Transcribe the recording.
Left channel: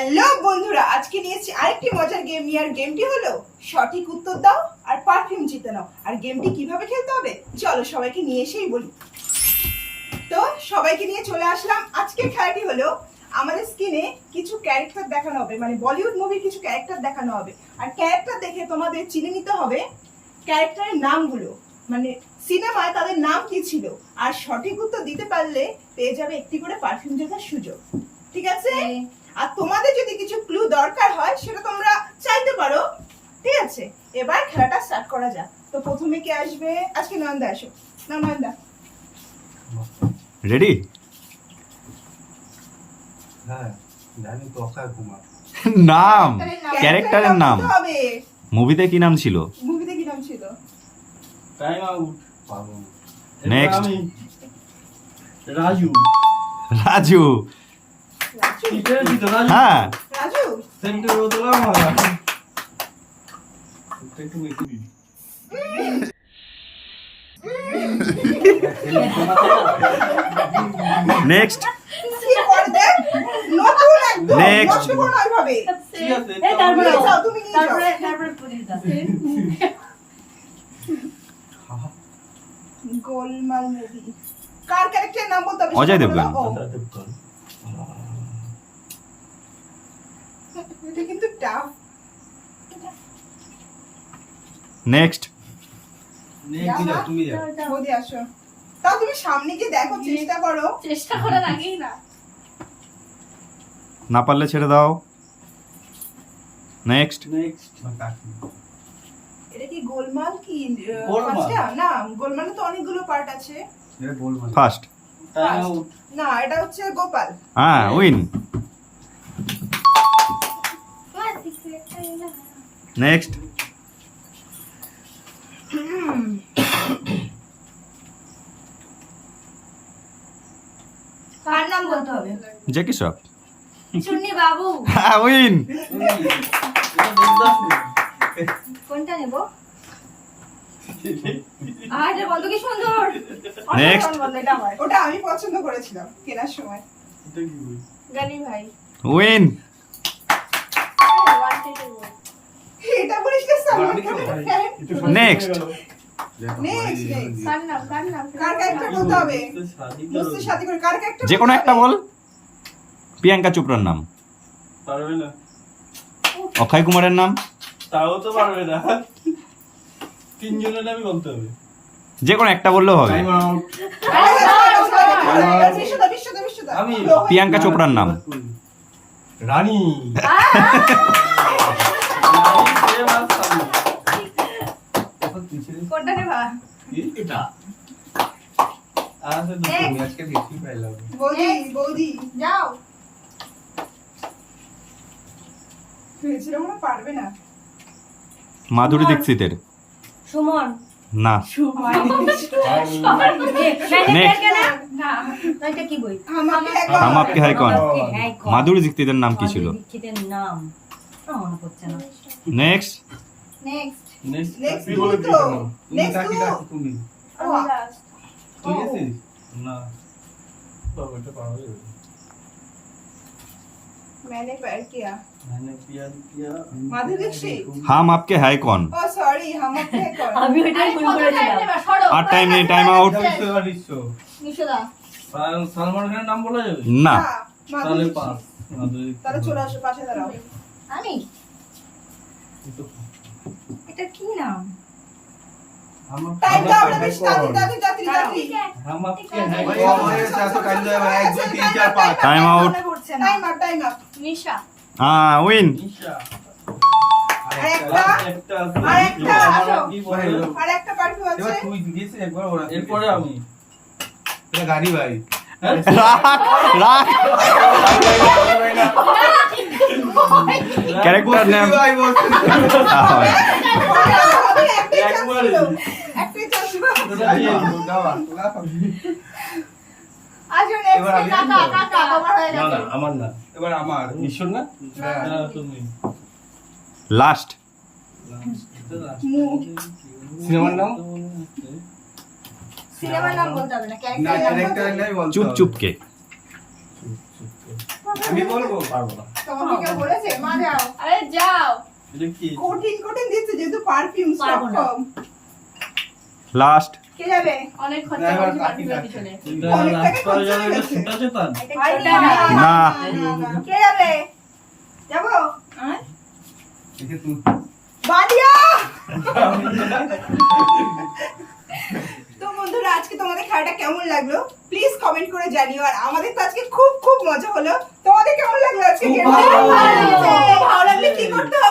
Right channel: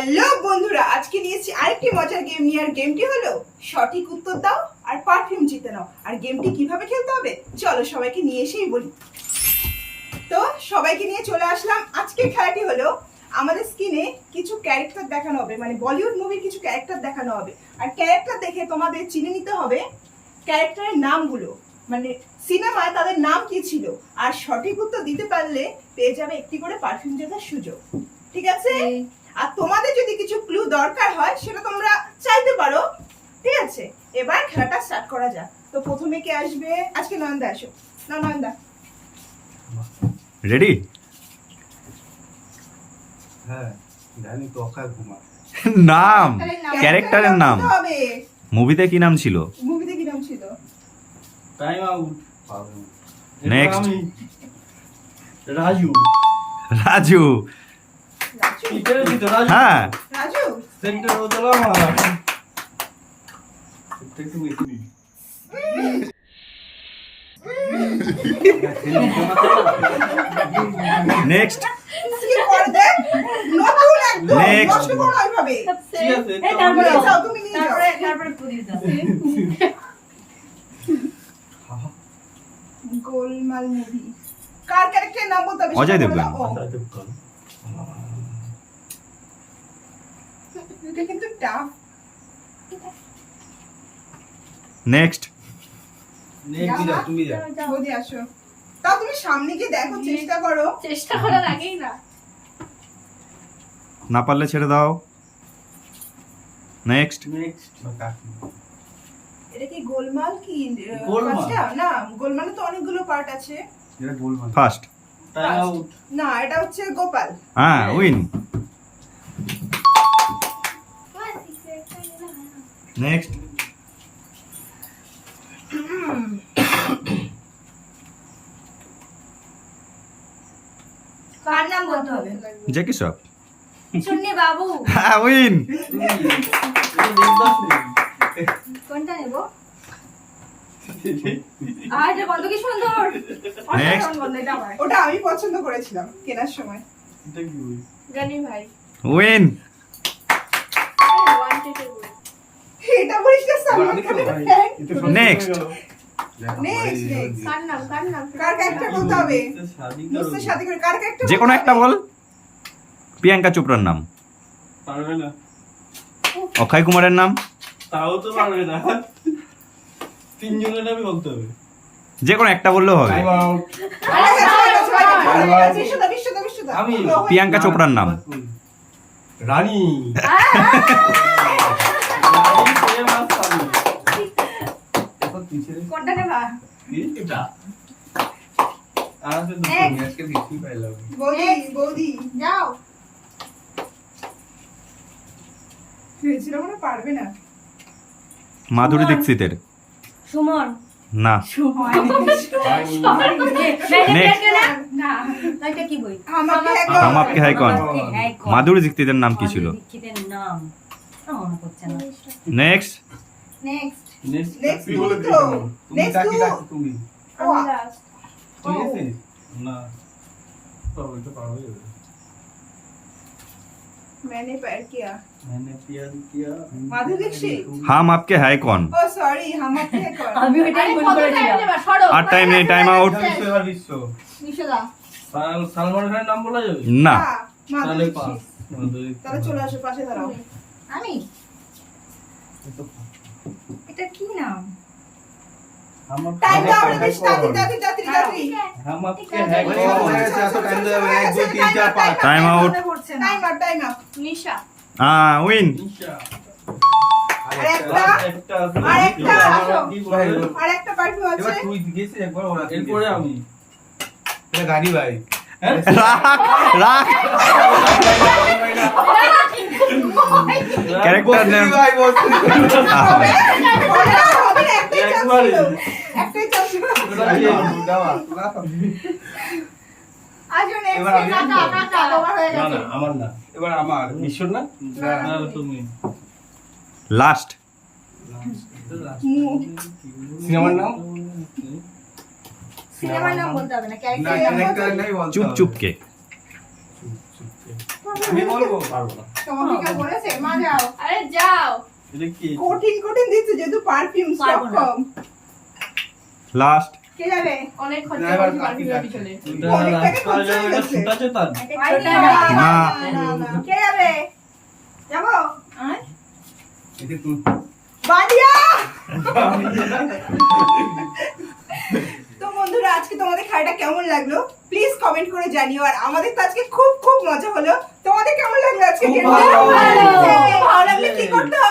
Hello বন্ধুরা, আজকে নিয়েছি আরেকটি মজার গেম নিয়ে। আর গেমটি হলো সঠিক উত্তর দাও আর পারফিউম জিতে নাও। আর গেমটি কিভাবে খেলতে হবে চলো সবাইকে নিয়ে এসেই বলি। তো সবাইকে নিয়ে চলে আসলাম। আজকের খেলাটি হলো আমাদের স্ক্রিনে কিছু ক্যারেক্টার দেখানো হবে, মানে বলিউড মুভির কিছু ক্যারেক্টার দেখানো হবে। আর ক্যারেক্টার দেখে তোমাদের চিনে নিতে হবে ক্যারেক্টারের নামগুলো, মানে সিনেমায় তাদের নাম কি ছিল। আর সঠিক উত্তর দিতে পারলে পেয়ে যাবে একটি করে পারফিউম জেতার সুযোগ। ঠিক আছে? আর তোমাদের যদি কিছু ক্লু দরকার হয় সেটা তোমরা চাইতে পারো। ঠিক আছে, এবার খেলাটা স্টার্ট করা যাক। তো প্রথমে কে আসবে? আজকে নয়নদা আসো। না নয়নদা রেডি? হ্যাঁ জানি তো, অক্ষয় কুমার। নাম, ক্যারেক্টারের নাম। হবে মুভিতে কি নাম ছিল? মুভিতে কি নাম ছিল? টাইম আউট পাবে। নেক্সট। রাজু। রাজু। রাজু? কিটারে দিত রাজু। হ্যাঁ, রাজু সেন্টার হতে আমার একটু বেশি নেক্সট। কি করে দেখ, নতুন একদম Next. নষ্ট করো না ওইভাবে। ঠিক আছে এই তারপরে নিয়ে যাও, তুমি নিয়ে যাও। তারপরে পুলিশ দাও। গোলমাল মুভি কার ক্যারেক্টারের নাম বলতে হবে? অজয় দেবগন। ও, এটা কিন্তু টাফ। নেক্সট। তুমি যা। বৌদি আসো। তাও তুমি সামনে গিয়ে দেখো, চেষ্টা করো। চেষ্টা করার আগেই না। না পারলে ছেড়ে দাও। নেক্সট। নেক্সট এটা কি গোলমাল কি গোলমাল? ফার্স্টটা? না, গোলমালে তো অনেকগুলো পার্ট আছে। এটা বলবো ফার্স্ট। Time out. না, এটা হচ্ছে গোপাল। হ্যাঁ, উইন। নেক্সট। কার নাম বলতে হবে? জ্যাকি শ্রফ। চুন্নি বাবু। হ্যাঁ, উইন। কোনটা নেব? এটা বন্ধ কি সুন্দর। Next. অসাধারণ বন্ধ, এটা আমার। ওটা আমি পছন্দ করেছিলাম কেনার সময়। এটা কি বই? গানি ভাই। উইন। ওয়ান টেকের বই। এটা বলিস না সালমান অনেক খানের ভাই। fan। এটা সব Next. গেল। Next, next. কার নাম? কার নাম? কার ক্যারেক্টার বলতে হবে? শাদি মুঝসে শাদি করে কার ক্যারেক্টার? যে কোনো একটা বল। প্রিয়াঙ্কা চোপড়ার নাম। পারবে না, অক্ষয় কুমারের নাম। তাও তো পারবে না। তিনজনের নামই বলতে হবে। যে কোনো একটা বললেও হবে। Time out. আমি প্রিয়াঙ্কা চোপড়ার নাম। রানী। কোনটা নেবা? বৌদি যাও। ভেবেছিল মনে হয় পারবে না। মাধুরী দীক্ষিতের। সুমন। না। Next. না, এটা কি বই? আমাকে হাম আপকে হ্যায় কौन? মাধুরী দীক্ষিতের নাম কি ছিল? দীক্ষিতের নাম মনে পড়ছে না। নেক্সট। নেক্সট। Next তুমি তো। Next তুমি ও, তুই এসেছিস? না বাবা, এটা পারবে। मैंने प्यार किया। मैंने प्यार किया। माधुरी दीक्षित। হাম আপকে হ্যায় কौन? ओ सॉरी, हम आपके कौन? আমি ওইটাই ভুল করেছিলাম। আর টাইম নেই, টাইম আউট। বিশ্ব এবার বিশ্ব। নিশোদা। সালমান খানের নাম বলা যাবে? না। माधुरी তাহলে दीक्षित। পাস। মাধুরী। তাহলে চলে আসো, পাশে দাঁড়াও। আমি এই তো এটা কি নাম? हम टाइम दाও রে, বেশি তাড়াতাড়ি তাড়াতাড়ি। हम Aapke Hain Koun? Time out. Time up. Nisha. Win. Nisha. আরেকটা একটা আরেকটা। কি বলে? আর একটা পারফিউম এবার আছে। তুই জিজ্ঞেস একবার ওরা এরপরে আমি। এটা গাড়ি ভাই রাখ রাখ। Character name. ভাই বলছি হবে, একটাই চান্স একবারই। ছিল। একটাই চান্স ছিল। আজও এবার আমি নেক্সট আসবো? কাকা তোমার হয়ে না গেছে। না আমার না। এবার আমার বিশ্বর না? হ্যাঁ। না তুমি। লাস্ট। সিনেমার নাম? সিনেমার নাম বলতে হবে না, না ক্যারেক্টার ক্যারেক্টার নেই বলতে চুপ হবে। চুপকে। ও আমি বলবো। পারবো না। তোমাকে কে বলেছে? মা যাও। আরে যাও। এটা কি? কঠিন কঠিন দিচ্ছে যেহেতু পারফিউম স্টক পারবো না। কম। লাস্ট কে যাবে? অনেক না, খরচা এবার করেছি কাকি পারফিউমের কাকি। পিছনে। এটা অনেক টাকা রাজপালের জন্য একটা খরচা ছোট আছে তার? না। কে যাবে? যাবো? এটা তুই। বাদিয়া! তো বন্ধুরা আজকে তোমাদের খেলাটা কেমন লাগলো প্লিজ কমেন্ট করে জানিও। আর আমাদের তো আজকে খুব খুব মজা হলো। তোমাদের কেমন লাগলো আজকে খুব গেমটা? ভালো। ভালো লাগলে কি করতে হবে?